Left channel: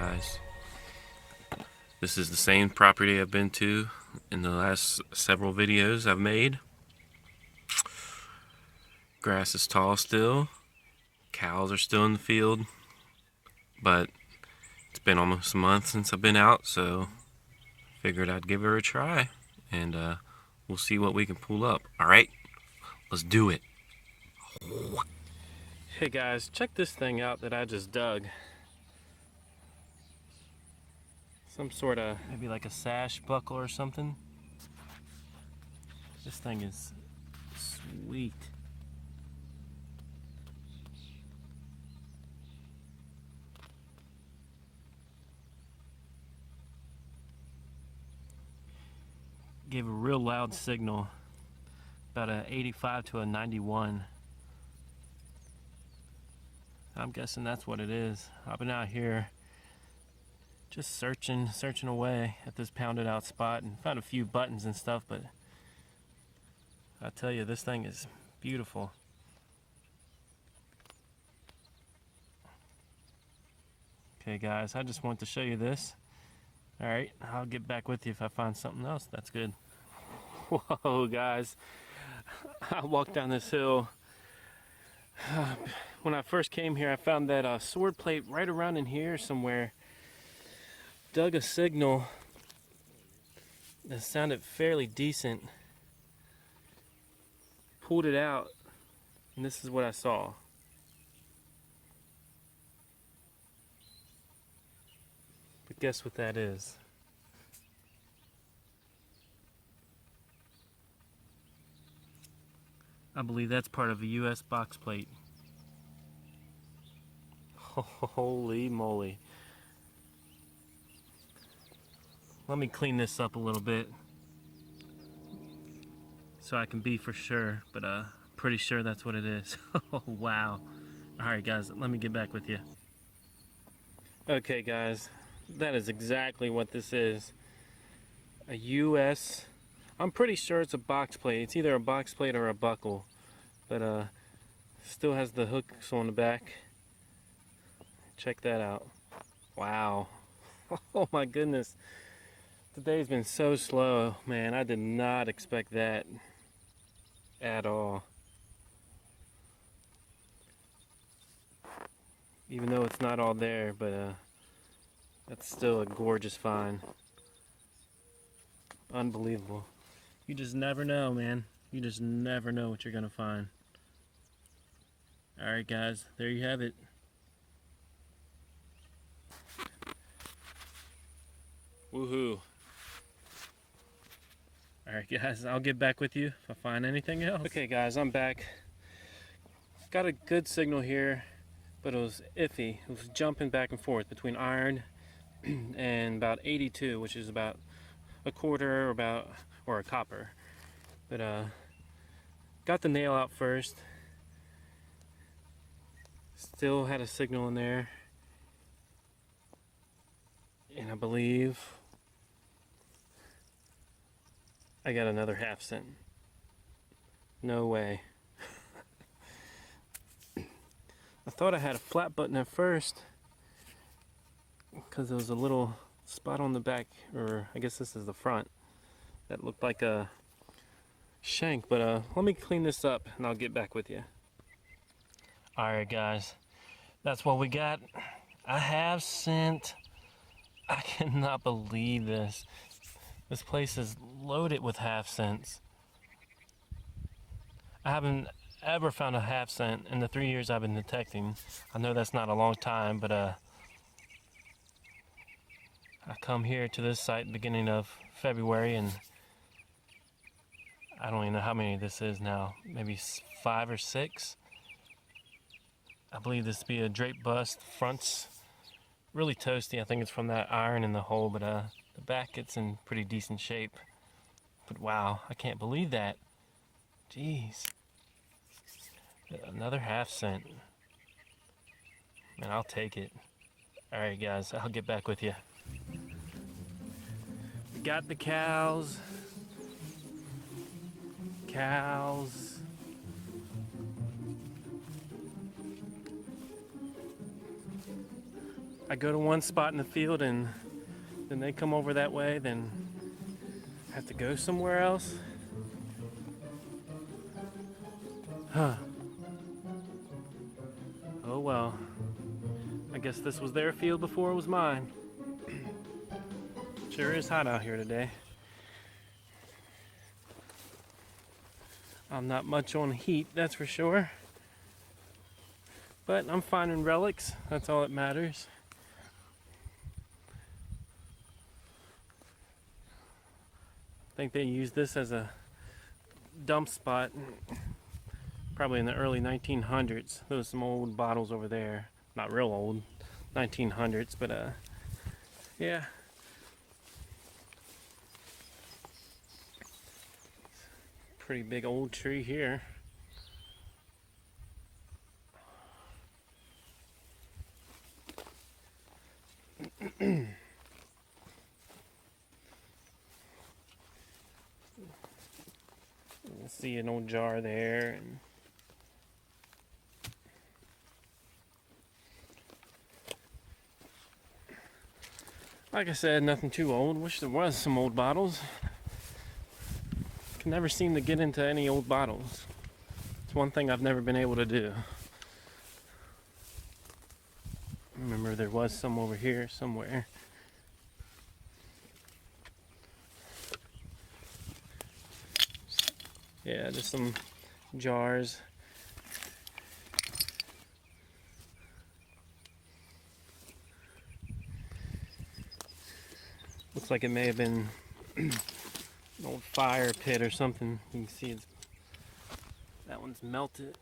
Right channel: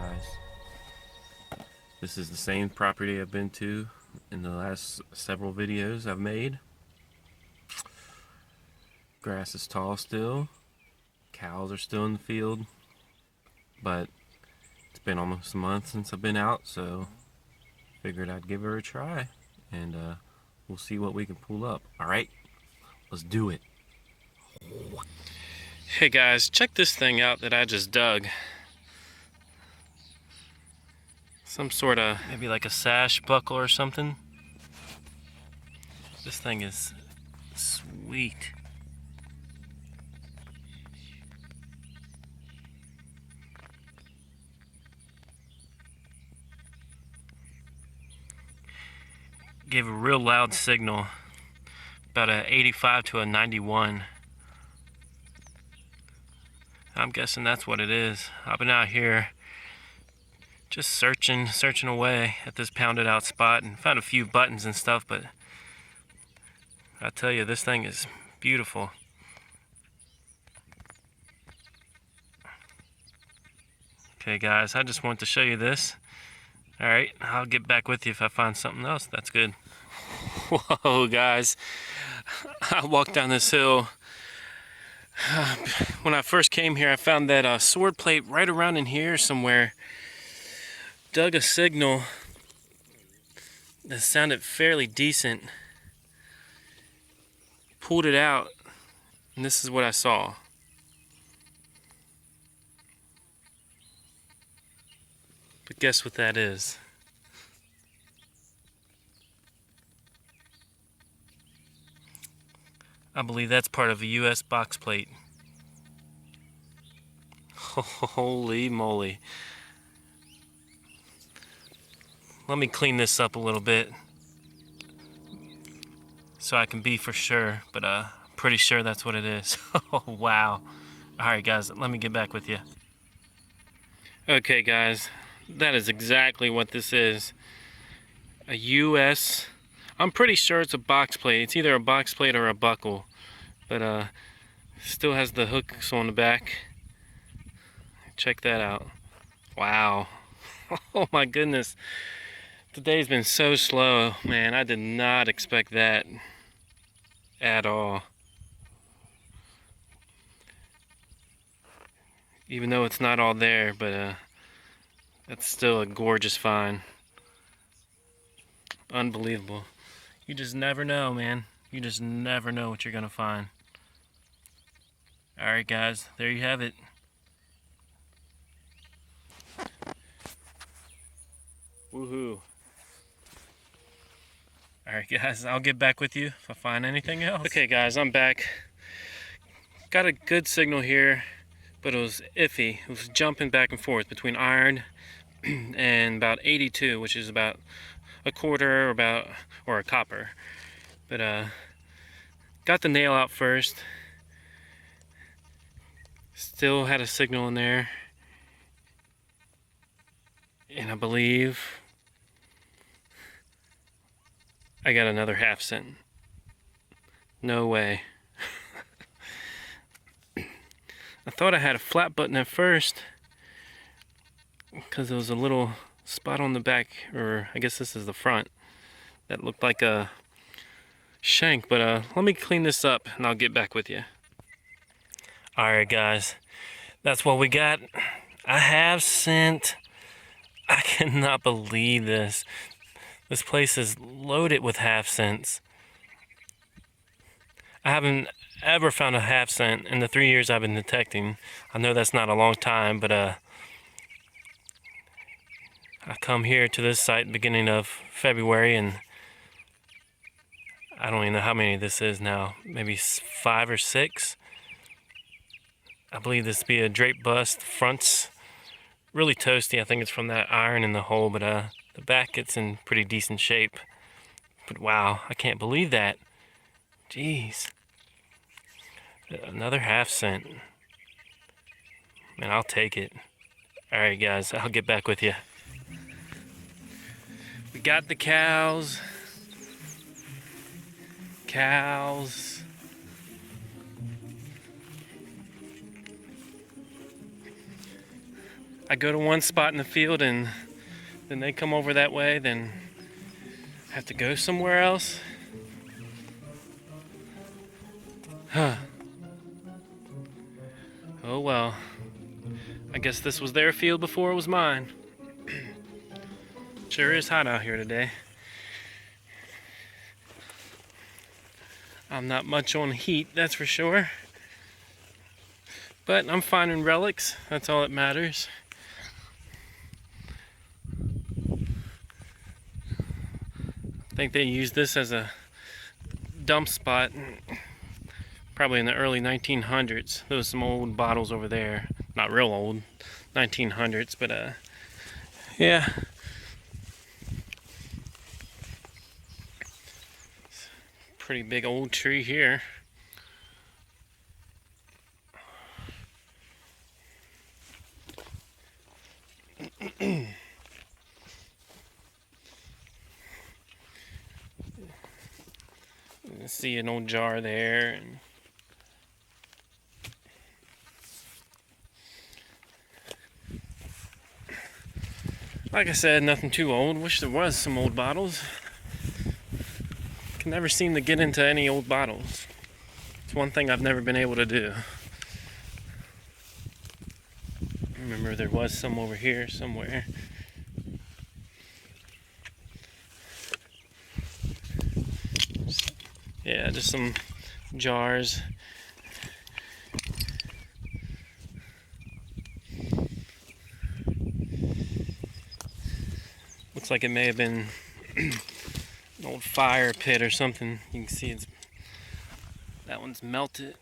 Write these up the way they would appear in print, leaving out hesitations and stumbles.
guys. This is the same property I've been to in the last several videos I've made. Grass is tall still. Cows are still in the field. But it's been almost a month since I've been out, so figured I'd give her a try. And we'll see what we can pull up. Alright, let's do it. Hey guys, check this thing out that I just dug. Some sort of, maybe like a sash buckle or something. This thing is sweet. Gave a real loud signal, about a 85 to a 91. I'm guessing that's what it is. I've been out here just searching away at this pounded out spot and found a few buttons and stuff, but I tell you, this thing is beautiful. Okay guys, I just wanted to show you this. Alright, I'll get back with you if I find something else. That's good. Whoa guys, I walked down this hill. When I first came here, I found that sword plate right around in here somewhere. Dug a signal that sounded fairly decent. Pulled it out, and this is what I saw. But guess what that is? I believe that's part of a US box plate. Holy moly. Let me clean this up a little bit so I can be for sure, but I'm pretty sure that's what it is. Oh, wow. Alright guys, let me get back with you. Okay guys, that is exactly what this is. A US, I'm pretty sure it's a box plate. It's either a box plate or a buckle, but still has the hooks on the back. Check that out. Wow. Oh my goodness. Today's been so slow, man. I did not expect that at all. Even though it's not all there, but that's still a gorgeous find. Unbelievable. You just never know, man. You just never know what you're gonna find. Alright guys, there you have it. Woohoo. Alright guys, I'll get back with you if I find anything else. Okay guys, I'm back. Got a good signal here, but it was iffy. It was jumping back and forth between iron and about 82, which is about a quarter or a copper. But got the nail out first. Still had a signal in there. And I believe I got another half cent. No way. I thought I had a flat button at first because there was a little spot on the back, or I guess this is the front, that looked like a shank, but let me clean this up and I'll get back with you. Alright guys, that's what we got. A half cent. I cannot believe this. This place is loaded with half cents. I haven't ever found a half cent in the 3 years I've been detecting. I know that's not a long time, but I come here to this site at the beginning of February, and I don't even know how many this is now. Maybe 5 or 6. I believe this to be a Draped Bust. Front's really toasty. I think it's from that iron in the hole, but the back gets in pretty decent shape. But wow, I can't believe that. Jeez. Another half cent. Man, I'll take it. Alright guys, I'll get back with you. We got the cows. Cows. I go to one spot in the field and then they come over that way, then I have to go somewhere else. Huh. Oh well. I guess this was their field before it was mine. Sure is hot out here today. I'm not much on heat, that's for sure. But I'm finding relics, that's all that matters. I think they used this as a dump spot probably in the early 1900s. There was some old bottles over there. Not real old, 1900s, but yeah. Pretty big old tree here. See an old jar there, and like I said, nothing too old. Wish there was some old bottles. Can never seem to get into any old bottles. It's one thing I've never been able to do. I remember there was some over here somewhere. Yeah, just some jars. Looks like it may have been an old fire pit or something. You can see that one's melted.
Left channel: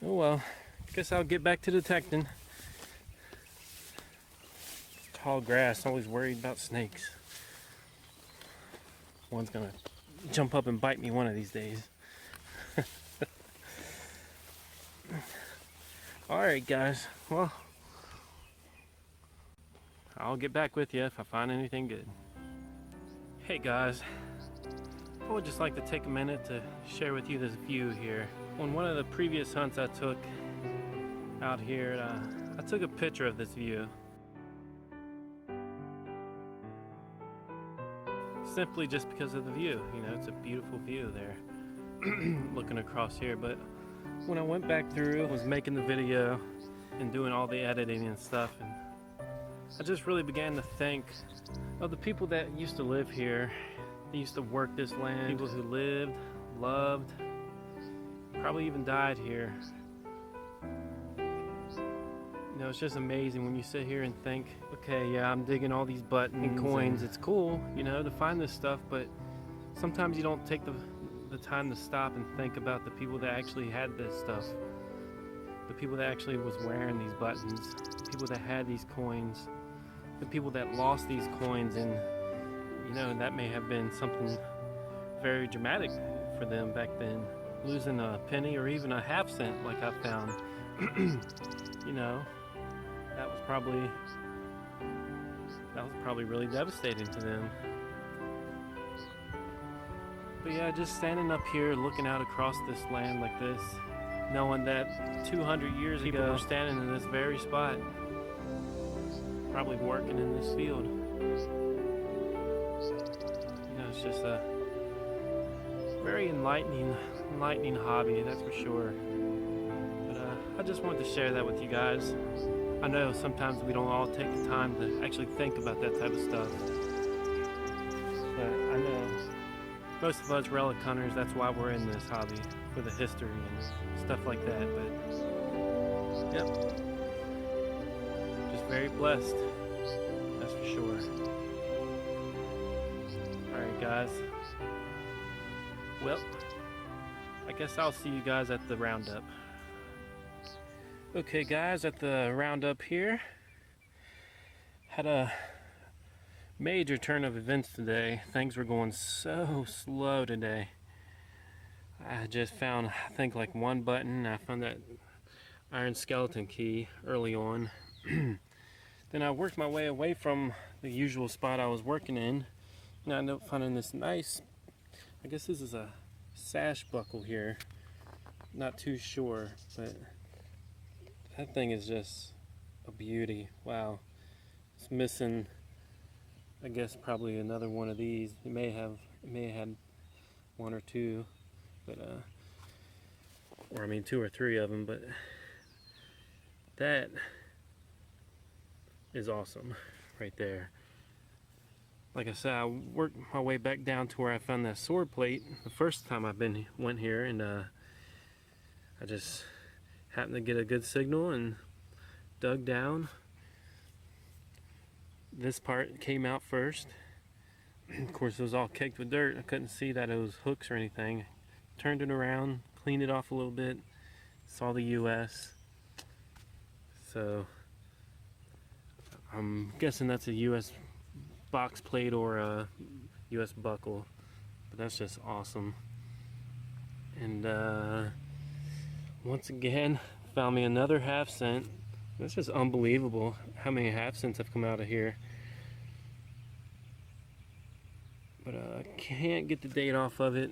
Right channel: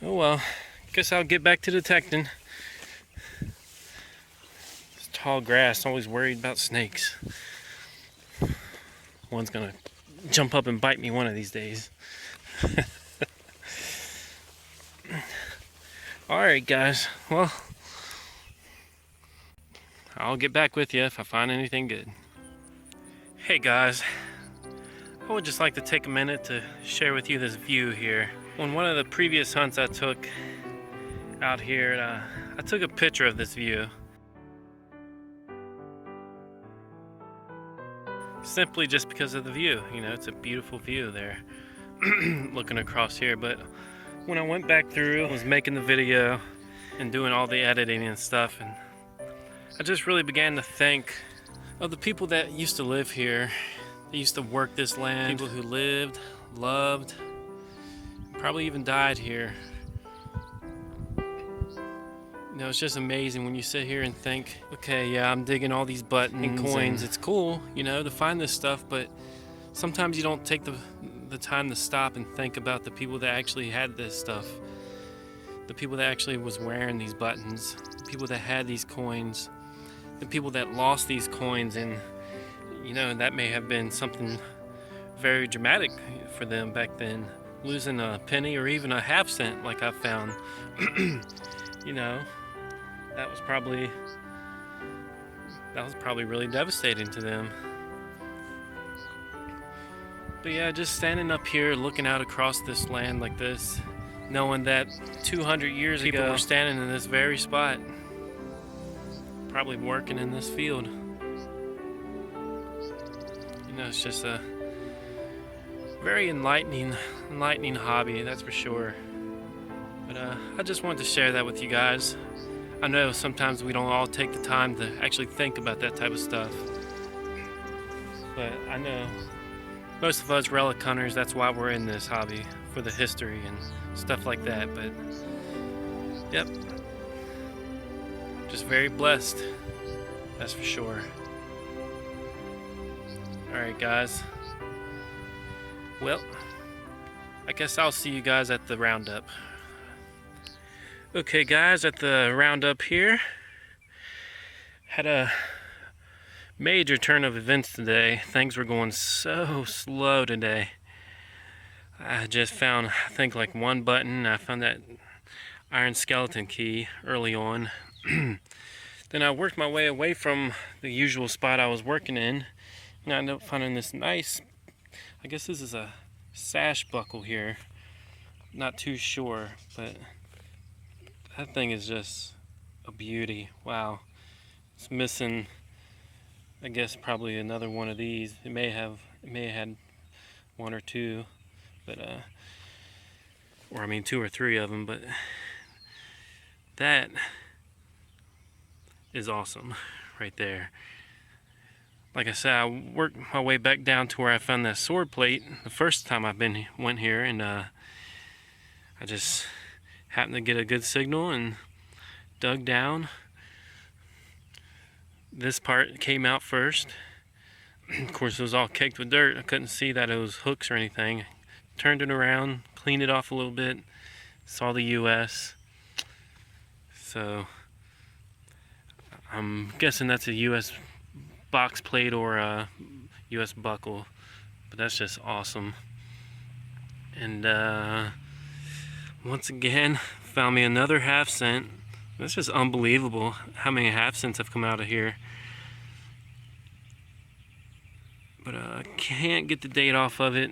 Oh well, guess I'll get back to detecting. This tall grass, always worried about snakes. One's gonna jump up and bite me one of these days. Alright guys, well, I'll get back with you if I find anything good. Hey guys, I would just like to take a minute to share with you this view here. On one of the previous hunts I took out here, I took a picture of this view. Simply just because of the view. You know, it's a beautiful view there looking across here. But when I went back through, I was making the video and doing all the editing and stuff, and I just really began to think of the people that used to live here. They used to work this land. People who lived, loved, probably even died here. You know, it's just amazing when you sit here and think, okay, yeah, I'm digging all these buttons and coins. It's cool, you know, to find this stuff, but sometimes you don't take the time to stop and think about the people that actually had this stuff. The people that actually was wearing these buttons. The people that had these coins. The people that lost these coins, and, you know, that may have been something very dramatic for them back then. Losing a penny or even a half cent like I found. You know, that was probably really devastating to them. But yeah, just standing up here looking out across this land like this, knowing that 200 years ago people were standing in this very spot, probably working in this field. You know, it's just a very enlightening hobby, that's for sure. But I just wanted to share that with you guys. I know sometimes we don't all take the time to actually think about that type of stuff. But I know most of us relic hunters, that's why we're in this hobby, for the history and stuff like that. But, yep, just very blessed, that's for sure. Alright guys, well, I guess I'll see you guys at the roundup. Okay guys, at the roundup here, had a major turn of events today. Things were going so slow today. I just found, I think, like one button. I found that iron skeleton key early on. Then I worked my way away from the usual spot I was working in, and I ended up finding this nice, I guess this is a sash buckle here. Not too sure, but That thing is just a beauty. Wow. It's missing, I guess, probably another one of these. It may have had one or two, but or I mean 2 or 3 of them, but that is awesome right there. Like I said, I worked my way back down to where I found that sword plate the first time went here, and I just happened to get a good signal and dug down. This part came out first. Of course, it was all caked with dirt. I couldn't see that it was hooks or anything. Turned it around, cleaned it off a little bit, saw the US. So I'm guessing that's a US box plate or a US buckle, but that's just awesome. And once again, found me another half cent. That's just unbelievable how many half cents have come out of here. But can't get the date off of it.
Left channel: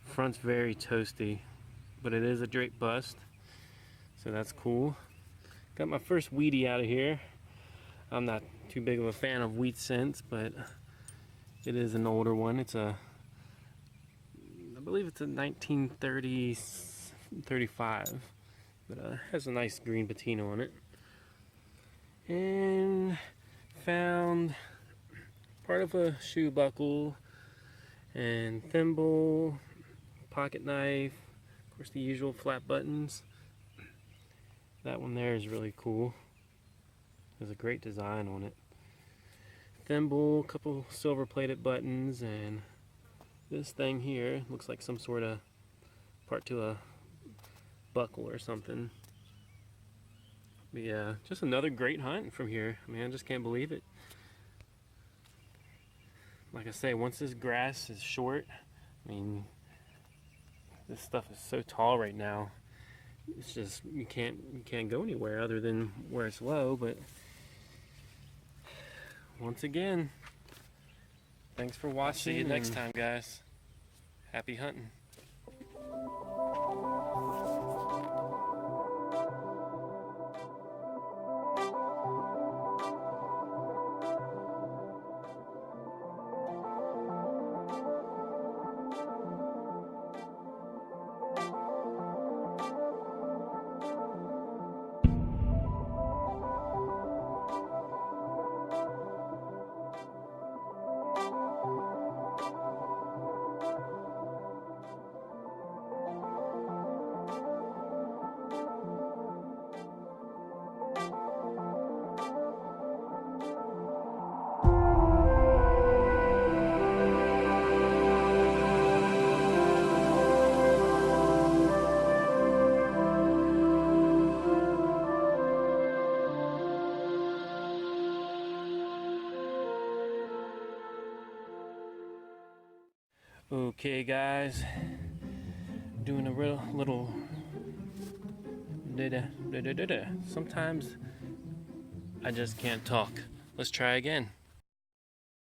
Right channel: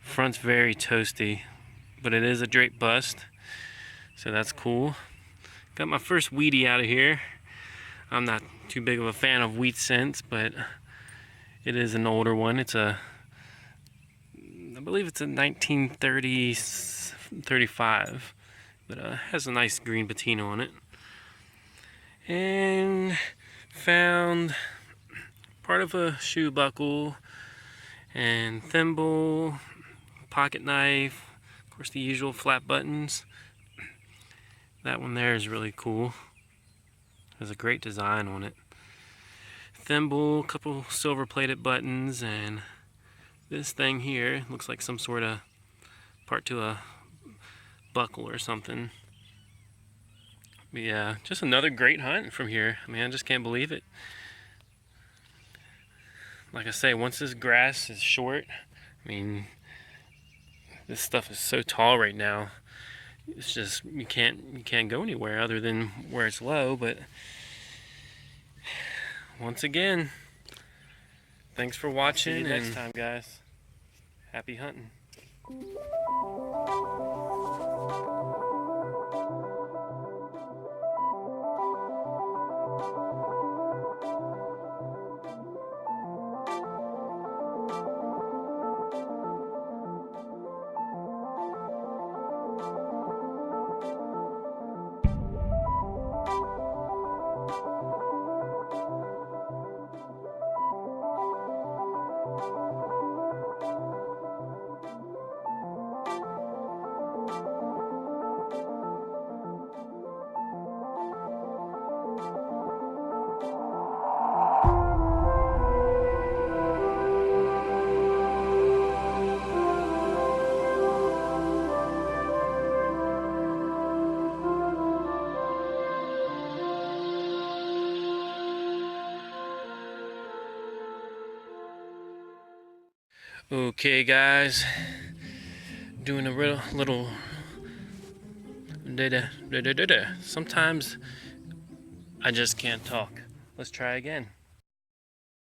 Front's very toasty, but it is a draped bust, so that's cool. Got my first Wheatie out of here. I'm not too big of a fan of wheat cents, but it is an older one. It's I believe it's a 1935, but has a nice green patina on it. And found part of a shoe buckle and thimble, pocket knife, of course the usual flat buttons. That one there is really cool. There's a great design on it. Thimble, a couple silver plated buttons, and this thing here looks like some sort of part to a buckle or something. But yeah, just another great hunt from here. I mean, I just can't believe it. Like I say, once this grass is short, I mean, this stuff is so tall right now. It's just you can't go anywhere other than where it's low. But once again, thanks for watching. See you next time, guys. Happy hunting. Okay, guys, doing a little sometimes I just can't talk. Let's try again.